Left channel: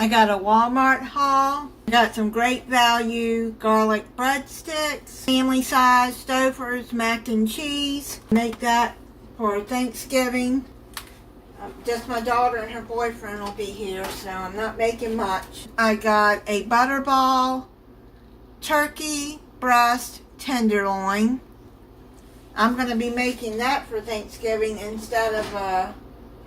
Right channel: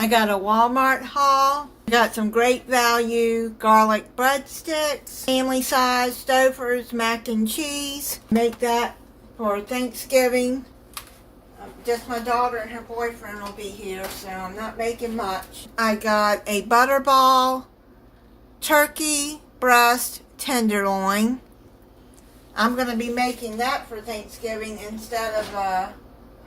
I got a Walmart haul. I got some great value garlic breadsticks, family size Stouffer's mac and cheese. Make that for Thanksgiving. Just my daughter and her boyfriend will be here, so I'm not making much. I got a Butterball turkey breast tenderloin. I'm going to be making that for Thanksgiving instead of a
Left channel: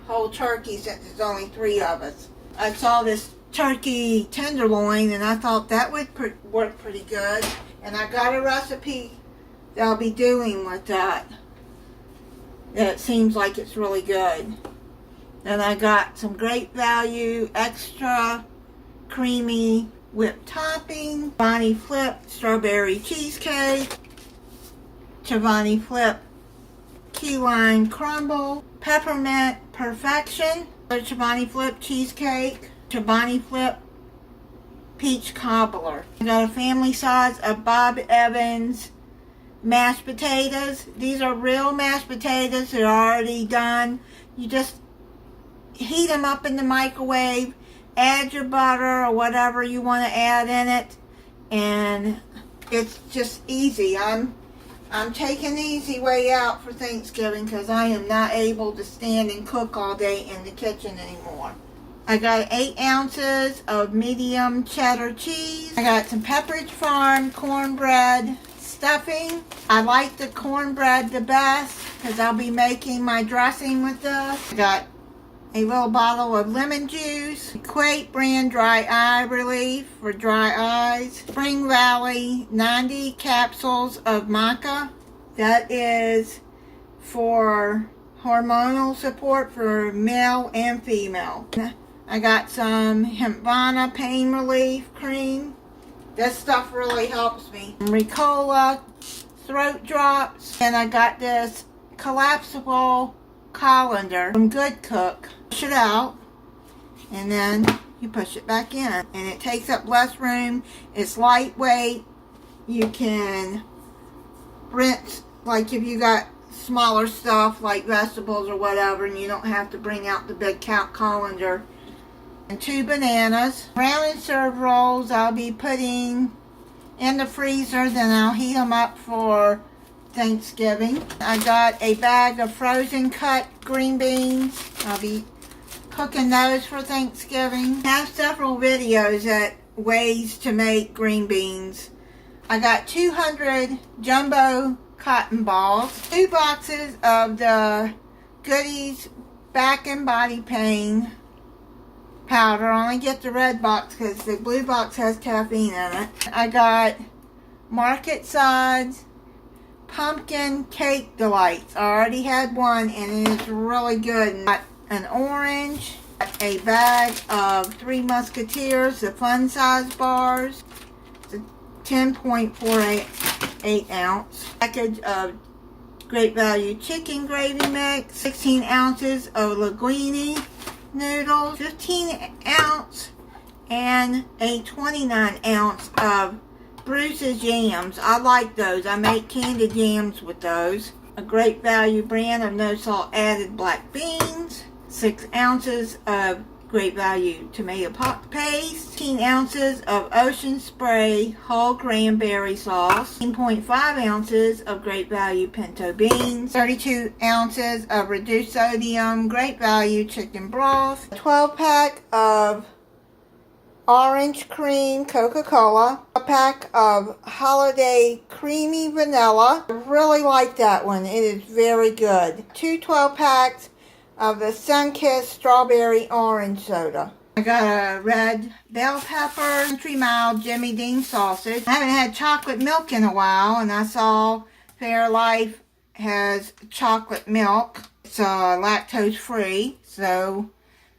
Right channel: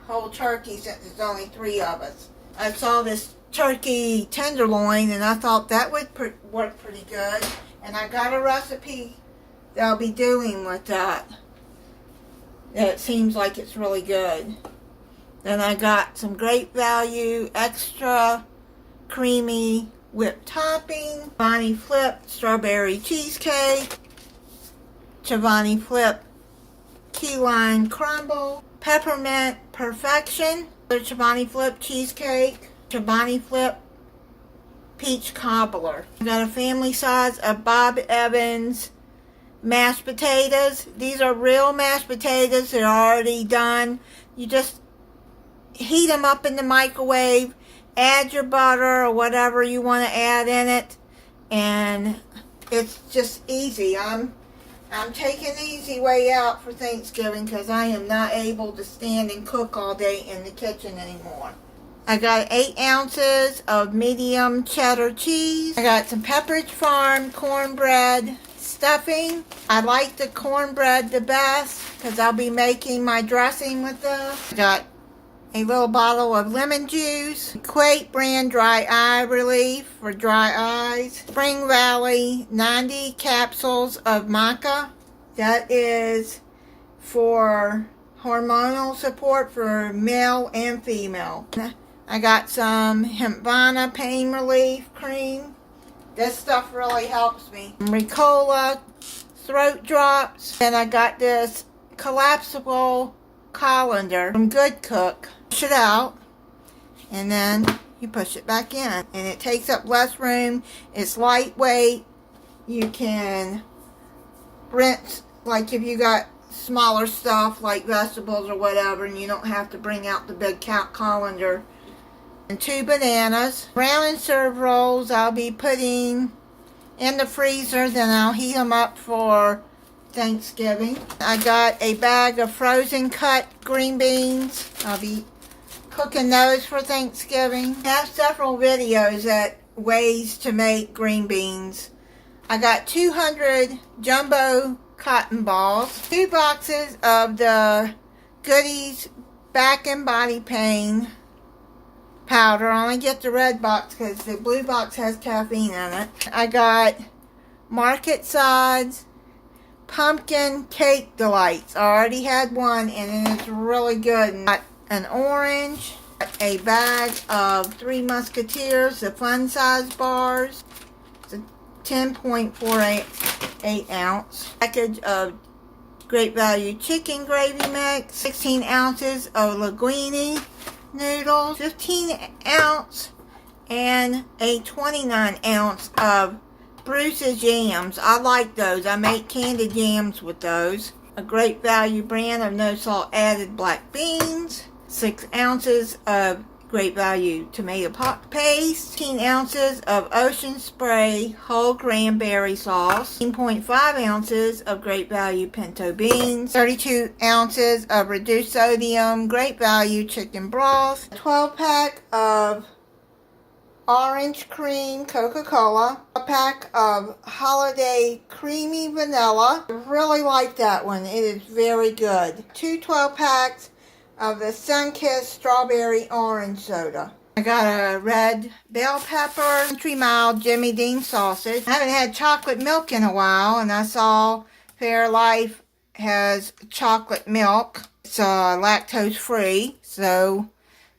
whole turkey since there's only 3 of us. I saw this turkey tenderloin and I thought that would work pretty good. And I got a recipe that I'll be doing with that. That seems like it's really good. Then I got some great value extra creamy whipped topping, Chobani Flip strawberry cheesecake, Chobani Flip key lime crumble, peppermint perfection, Chobani Flip cheesecake, Chobani Flip peach cobbler. I got a family size of Bob Evans mashed potatoes. These are real mashed potatoes. They're already done. You just heat them up in the microwave, add your butter or whatever you want to add in it, and it's just easy. I'm taking the easy way out for Thanksgiving because I am not able to stand and cook all day in the kitchen anymore. I got 8 ounces of medium cheddar cheese. I got some Pepperidge Farm cornbread stuffing. I like the cornbread the best because I'll be making my dressing with this. I got a little bottle of lemon juice, Quake brand dry eye relief for dry eyes, Spring Valley 90 capsules of maca. That is for hormonal support for male and female. I got some Hempvana pain relief cream. This stuff really helps me. Ricola throat drops. And I got this collapsible colander from Good Cook. Push it out and then you push it back in, and it takes up less room. It's lightweight. You can rinse, like if you got smaller stuff like vegetables or whatever, and you don't have to bring out the big colander. And 2 bananas. Brown and serve rolls I'll be putting in the freezer, then I'll heat them up for Thanksgiving. I got a bag of frozen cut green beans. I'll be cooking those for Thanksgiving. I have several videos at ways to make green beans. I got 200 jumbo cotton balls, 2 boxes of the Goodies back and body pain powder. I only get the red box because the blue box has caffeine in it. I got market size pumpkin cake delights. I already had one and it is really good. Got an orange, a bag of 3 Musketeers, the fun size bars. It's a 10.48 ounce package of great value chicken gravy mix, 16 ounces of linguine noodles, 15 ounce and a 29 ounce of Bruce's jams. I like those. I make candied jams with those. A great value brand of no salt added black beans, 6 ounces of great value tomato paste, 15 ounces of Ocean Spray whole cranberry sauce, 10.5 ounces of great value pinto beans, 32 ounces of reduced sodium great value chicken broth, a 12 pack of orange cream Coca-Cola, a pack of holiday creamy vanilla. I really like that one. It is very good. 2 12 packs of the Sunkist strawberry orange soda. I got a red bell pepper, Country Mile Jimmy Dean sausage. I haven't had chocolate milk in a while, and I saw Fairlife has chocolate milk. It's lactose free, so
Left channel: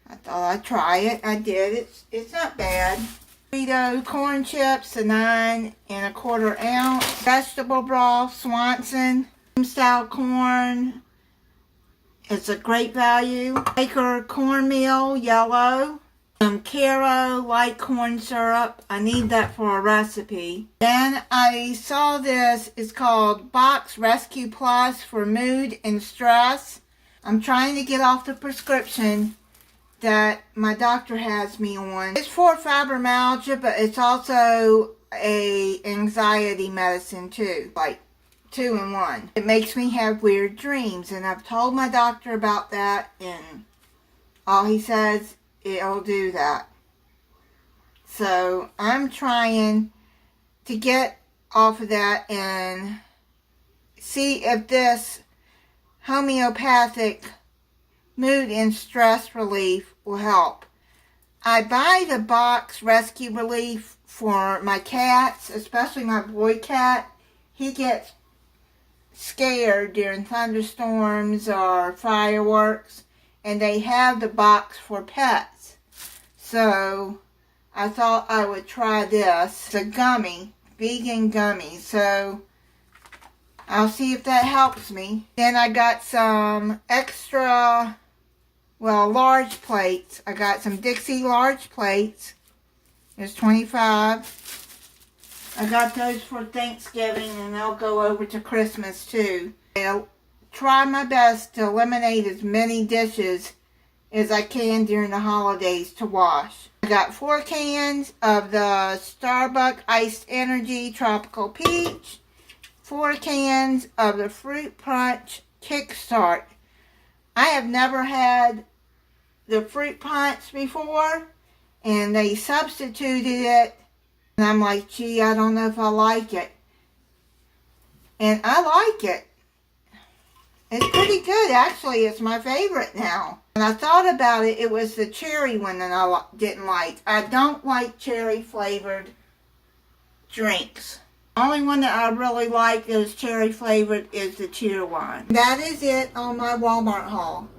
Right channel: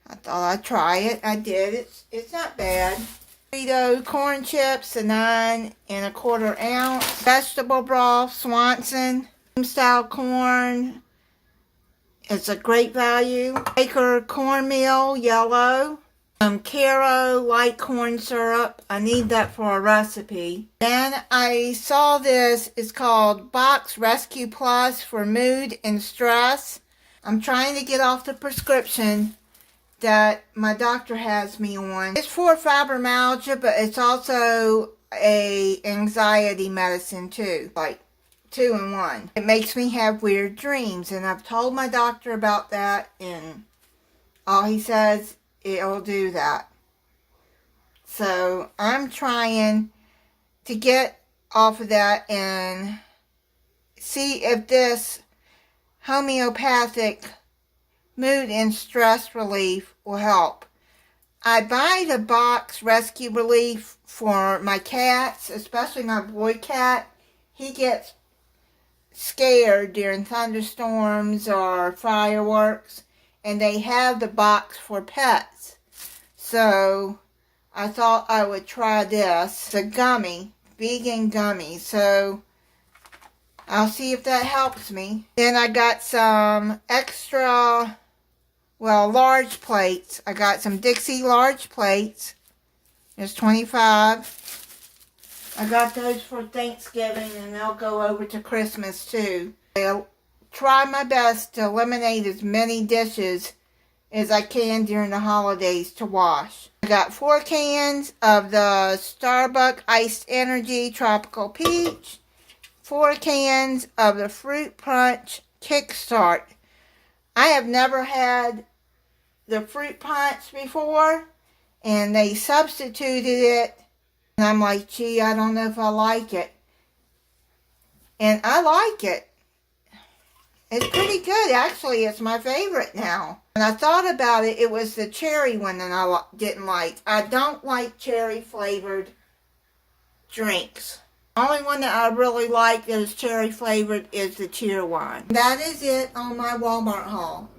I thought I'd try it. I did. It's not bad. Frito corn chips, a 9 1/4 ounce. Vegetable broth, Swanson style corn. It's a great value. Quaker cornmeal, yellow. Caro light corn syrup. I need that for a recipe. Then I saw this. It's called Box Rescue Plus for mood and stress. I'm trying to get off the prescription that my doctor has me on. It's for fibromyalgia, but it's also a anxiety medicine too, like 2 in 1. It makes me have weird dreams, and I've told my doctor about that, and all he says, it'll do that. So I'm trying to get off of that and see if this homeopathic mood and stress relief will help. I buy the box Rescue Relief for my cats, especially my boy cat. He gets scared during thunderstorms or fireworks, and they have the box for pets. So I thought I would try this. It's a gummy, vegan gummy. So I'll see if that helps me. Then I got some extra, large plates. I got some Dixie large plates. There's 25. I got those for Thanksgiving, and they'll go over to Christmas too. I'll try my best to eliminate as many dishes as I can during the holidays to wash. I got 4 cans of the Starbucks Iced Energy Tropical Peach. 4 cans of the Fruit Punch Kickstart. I have never had the fruit punch before, and they substituted it, and I'm like, gee, I don't know if I like it. And I like it. It's pretty good, actually. It's my favorite now. When I thought about it, it was the cherry one that I didn't like. I don't like cherry flavored drinks. The only one that I really like that is cherry flavored is the cheer one. That is it on my Walmart haul.